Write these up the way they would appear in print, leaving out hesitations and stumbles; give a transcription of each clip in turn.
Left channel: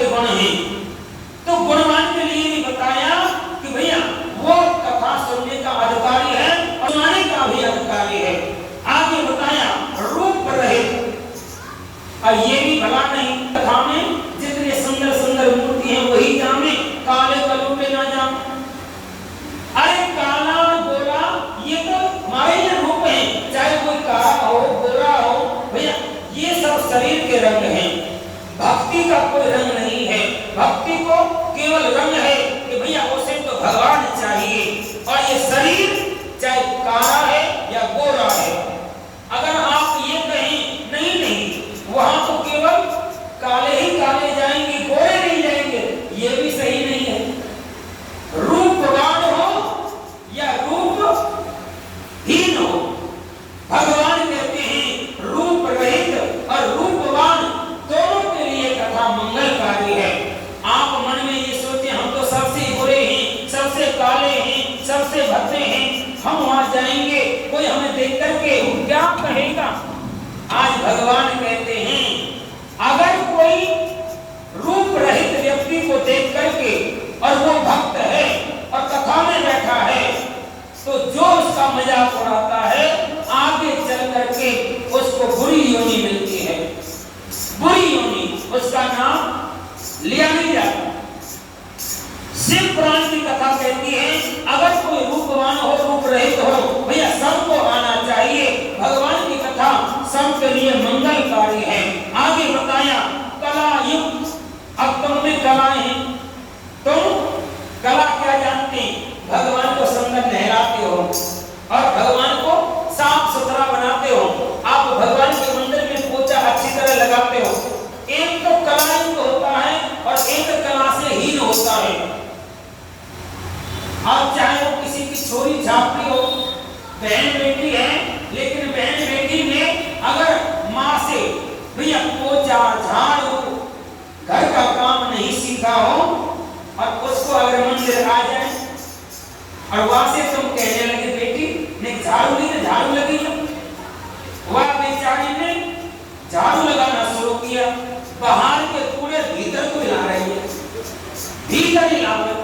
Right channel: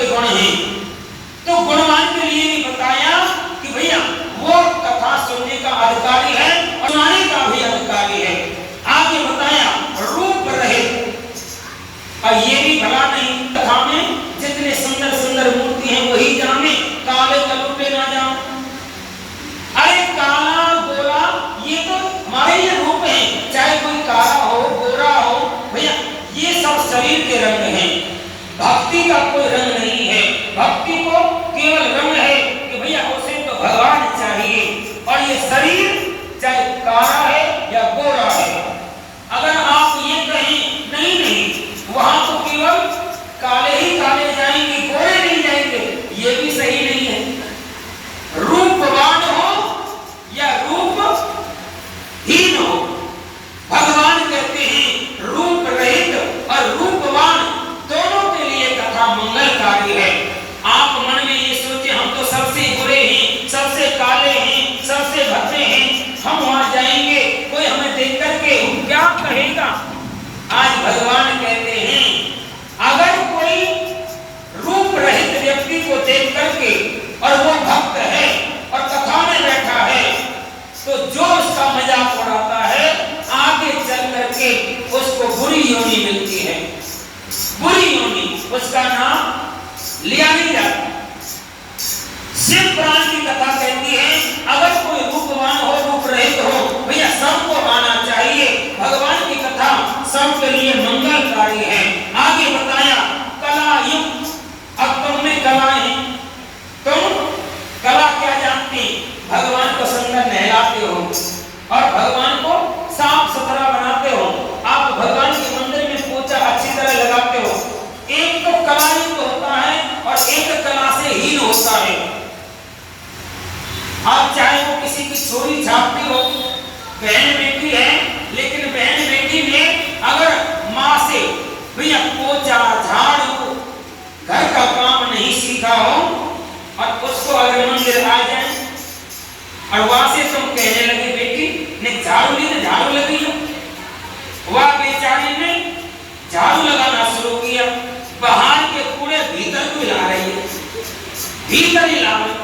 के गुण हैं। तो गुणवान के लिए भी बताया कि भैया वो कथा सुनने का अधिकारी है और सुनाने का भी अधिकारी है। आगे बताया रूप रहित, और ये भी भला नहीं कथा में जितने सुंदर सुंदर मूर्ति हैं वही जाने, काले कलूटे ना जाने। अरे काला गोरा ये तो हमारे ये रूप हैं, चाहे कोई काला हो गोरा हो, भैया ये सब शरीर के रंग हैं, भक्ति का कोई रंग नहीं है। भक्ति को केवल रंग है कि भैया उसे तो भगवान चाहिए, और ये शरीर चाहे काला है या गोरा है। अगर आप ये कहें नहीं नहीं वहां तो केवल काले ही काले जाएंगे, गोरे नहीं जाएंगे, ये भी सही नहीं है। रूपवान हो या रूपहीन हो, भगवान कहते हैं रूप रहित और रूपवान दोनों के लिए कथा मंगलकारी है। आप मन में ये सोचे हम तो सबसे बुरे हैं, सबसे काले हैं, सबसे भद्दे हैं, हम वहां जाएंगे कोई हमें देख करके क्या कहेगा। आज भगवान कहते हैं अगर कोई रूप रहित व्यक्ति को देख करके और वो भक्त है और कथा में बैठा है, तो जो उसका मजाक उड़ाता है आगे चल करके उसको बुरी योनि मिलती है। बुरी योनि, उसका नाम लिया नहीं जाता। शिव पुराण की कथा कहती है अगर कोई रूपवान हो रूप रहित हो, भैया सबको आना चाहिए। भगवान की कथा सबके लिए मंगलकारी है। आगे बताया कला युक्त, अब तुम में कलाएं हैं, तुम कला क्या जानते, भगवान को सुंदर नहलाते हो और भगवान को साफ सुथरा बनाते हो। आप भगवान के मंदिर में पोछा अच्छी तरह लगाते हो। एक तो कला युक्त होता है और एक कला से हीन होता है। आप चाहे वो किसी की छोरी छापती हो, बहन बेटी है, लेकिन बहन बेटी ने अगर माँ से भैया पोछा झाड़ू घर का काम नहीं सीखा हो और उसको अगर मंदिर आ जाए और वहां से तुम कहने लगे बेटी ने झाड़ू ली तो झाड़ू लगी हो, वह बेचारी ने झाड़ू लगाना शुरू किया, बाहर के कूड़े भीतर को ला रही है, भीतर ही ला रही,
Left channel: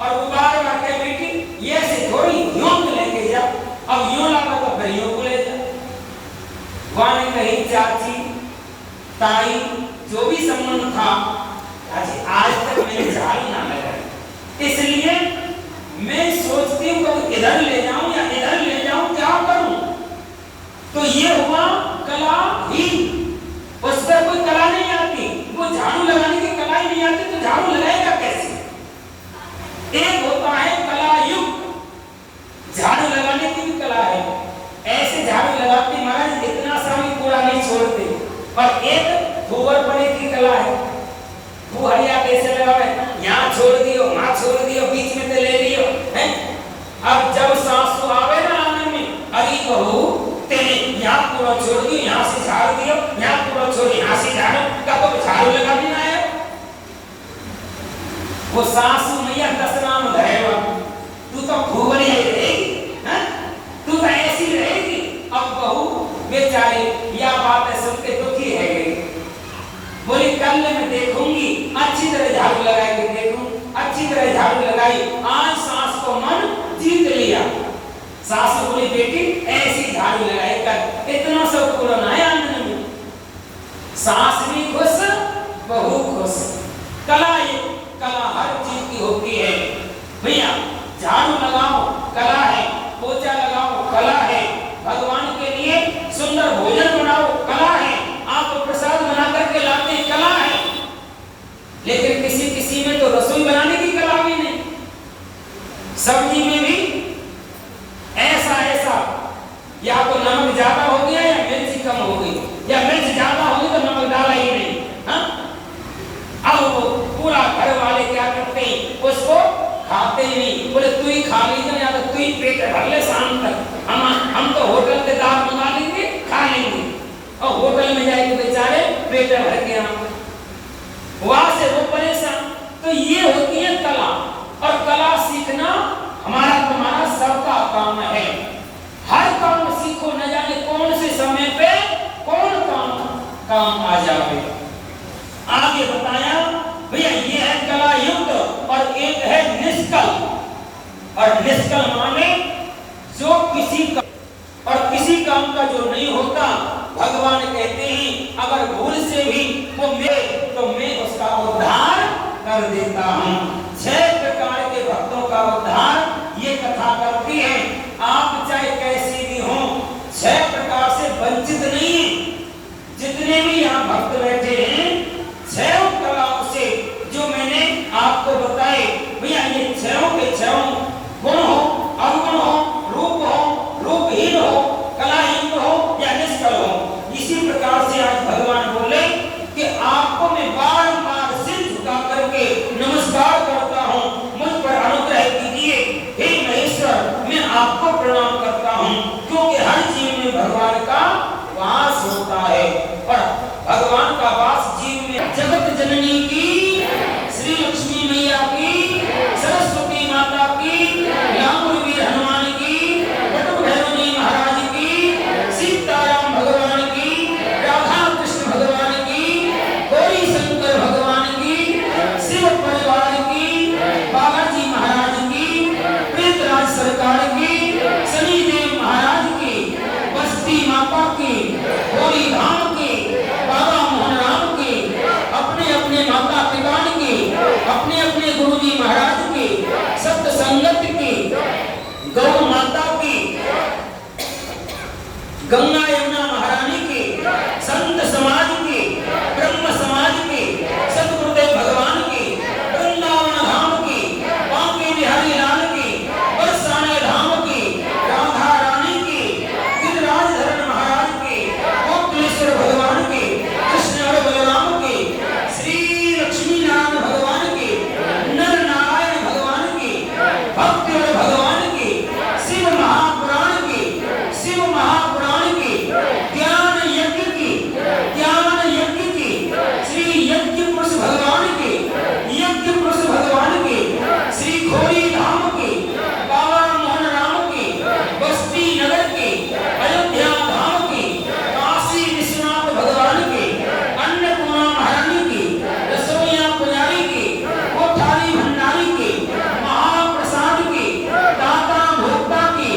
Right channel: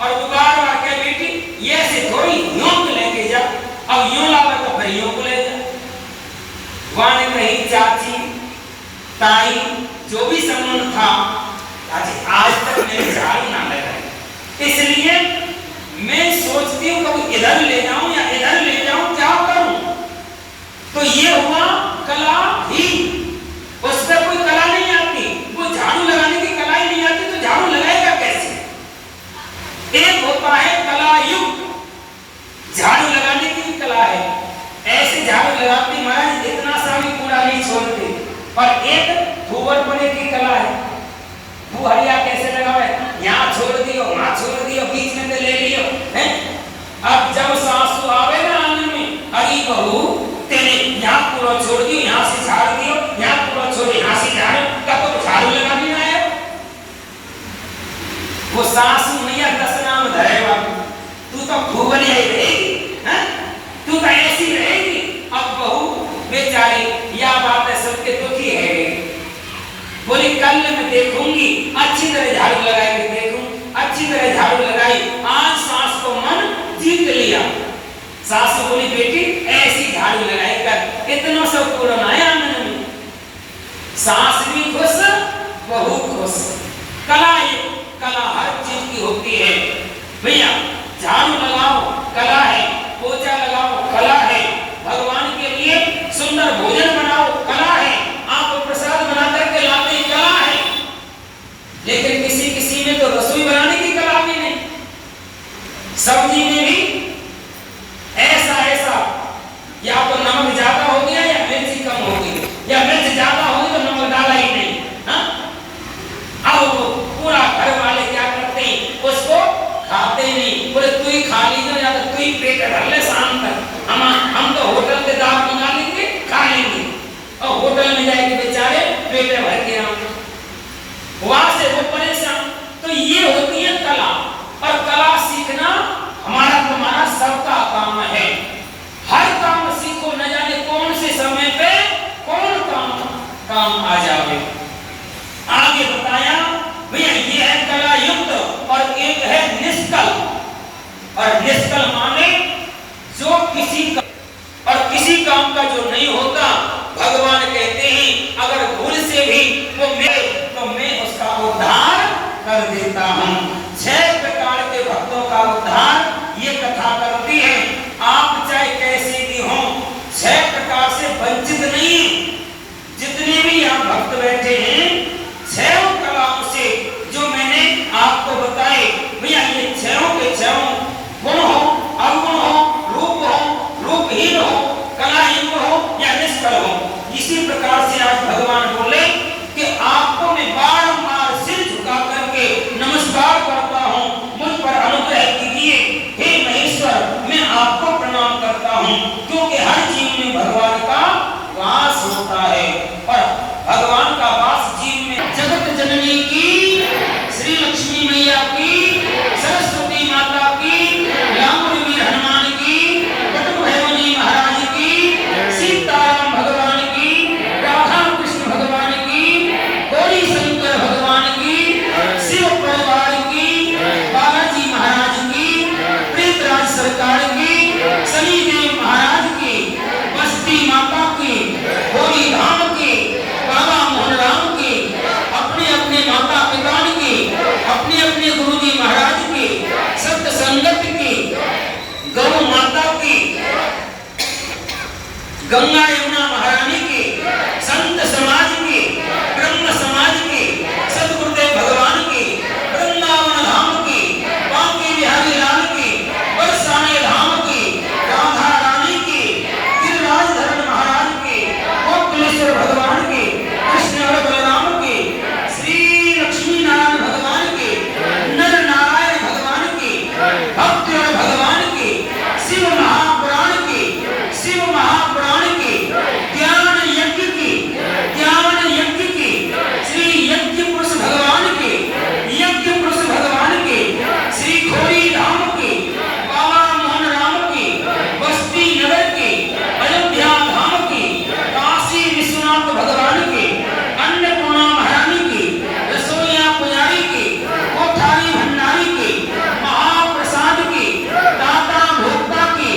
और वो बार बार कह बेटी ये से थोड़ी यूं को लेके जा, अब यूं लावा तो फिर यूं को ले जा। वहां ने कही चाची ताई जो भी संबंध था आज तक मैंने झाड़ू ना लगाई, इसलिए मैं सोचती हूँ कभी इधर ले जाऊं या इधर ले जाऊं, क्या करूं। तो ये हुआ कला ही, उस पर कोई कला नहीं आती, वो झाड़ू लगाने की कला ही नहीं आती तो झाड़ू लगाएगा कैसे। एक होता है कला युक्त, झाड़ू लगाने की भी कला है, ऐसे झाड़ू लगाते महाराज इतना सा भी कूड़ा नहीं छोड़ते। और एक गोबर पड़े की कला है, वो हरिया कैसे लगावे, यहाँ छोड़ दियो वहां छोड़ दियो, बीच में तो ले लियो है। अब जब सासू आवे ना आंगन में, अरे बहू तेने यहाँ पूरा छोड़ दियो, यहाँ से झाड़ दियो, यहाँ पूरा छोड़ यहाँ से झाड़ो, क्या तो झाड़ू लगा भी ना है। वो सासू मैया 10 नाम धरे बाबू, तू तो भूवनी ही रहेगी, हैं तू तो ऐसी रहेगी। अब बहू बेचारी यह बात सुन के दुखी है, बोली कल मैं देखूंगी अच्छी तरह झाड़ू लगाई के देखूं, अच्छी तरह झाड़ू लगाई, आज सास को मन जीत लिया। सास बोली बेटी ऐसी झाड़ू लगाई कर, इतना सब कूड़ा आया आंगन में। सास भी खुश बहू खुश। कला ये कला हर चीज की होती है भैया, झाड़ू लगाओ कला है, पोछा लगाओ कला है, भगवान के लिए सुंदर भोजन बनाओ कला है, आप प्रसाद बना करके लाते हैं कला है। लेकिन किसी किसी में तो रसोई बनाने की कला भी नहीं, सब्जी में भी ऐसा ऐसा, या तो नमक ज्यादा हो गया या मिर्ची कम हो गई, या मिर्च ज्यादा हो गई तो नमक डाला ही नहीं। हाँ? अब पूरा घर वाले क्या करते हैं, उसको खाते ही नहीं, बोले तू ही खा लीजिए या तो तू ही पेट भर ले शाम तक, हम तो होटल के दाल मंगा लेंगे खा लेंगे, और होटल में जाएंगे बेचारे पेट भर के आएंगे, वहां से वो परेशान। तो ये होती है कला, और कला सीखना हमारा तुम्हारा सबका काम है। हर काम सीखो, न जाने कौन से समय पे कौन काम आ जावे। आगे बताया और निष्कल माने जो किसी का और किसी काम का जो नहीं होता, भगवान कहते हैं अगर भूल से भी वो तो मैं उसका उद्धार कर देता हूँ। 6 प्रकार के भक्तों का उद्धार ये कथा करती है। आप चाहे कैसे भी हो, 6 प्रकार से वंचित नहीं। जितने भी यहाँ भक्त बैठे हैं, 6 कलाओं से जो मैंने आपको बताए, भैया ये 6 के 6 गुण हो, अवगुण हो, रूप हो, रूपहीन हो, कलाहीन हो या निष्कल हो, इसी प्रकार से आज भगवान बोले कि आपको मैं बारंबार सिर झुका करके नमस्कार करता हूँ, मुझ पर अनुग्रह कीजिए। हे महेश्वर, मैं आपको प्रणाम करता हूँ, क्योंकि हर जीव में भगवान का वास होता है और भगवान का वास जीव में। जगत जननी की श्री लक्ष्मी मैया की, सरस्वती माता की, रामवीर हनुमान की, बटुक भैरव जी महाराज की, सीताराम भगवान की, राधा कृष्ण भगवान की, गौरी शंकर भगवान की, शिव परिवार की, बालाजी महाराज की, प्रीतराज सरकार की, शनिदेव महाराज की, बस्ती माता की, गौरी धाम की, बाबा मोहन राम की, अपने अपने माता पिता की, अपने अपने गुरुजी महाराज की, सत्य संगत की, गौ माता की, गंगा यमुना महारानी की, संत समाज की, ब्रह्म समाज की, सतगुरुदेव भगवान की, वृंदावन धाम की, बांके बिहारी लाल की, बरसाने धाम की, राधा रानी की, गिरिराज धरण महाराज की, गोपलेश्वर भगवान की, कृष्ण और बलराम की, श्री लक्ष्मी नारायण भगवान की, नर नारायण भगवान की, भक्ति और भगवान की, शिव महापुराण की, शिव महापुराण की, ज्ञान यज्ञ की, ज्ञान यज्ञ की, श्री यज्ञ पुरुष भगवान की, यज्ञ पुरुष भगवान की, श्री खोरी धाम की, बाबा मोहन राम की, बस्ती नगर की, अयोध्या धाम की, काशी विश्वनाथ भगवान की, अन्नपूर्णा महारानी की, रसोईया पुजारी की, कोठारी भंडारी की, महाप्रसाद की, दाता भोक्ता की,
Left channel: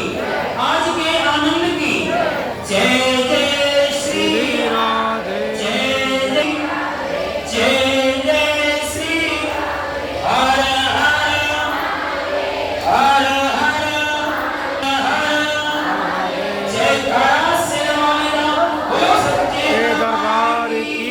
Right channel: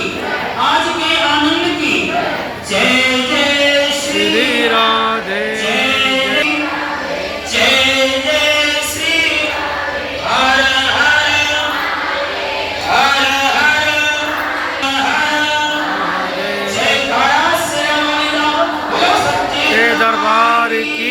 आज के आनंद की, जय जय श्री राधे, जय जय श्री हर हर हर हर जय कारा से बोलो सच्चे दरबार की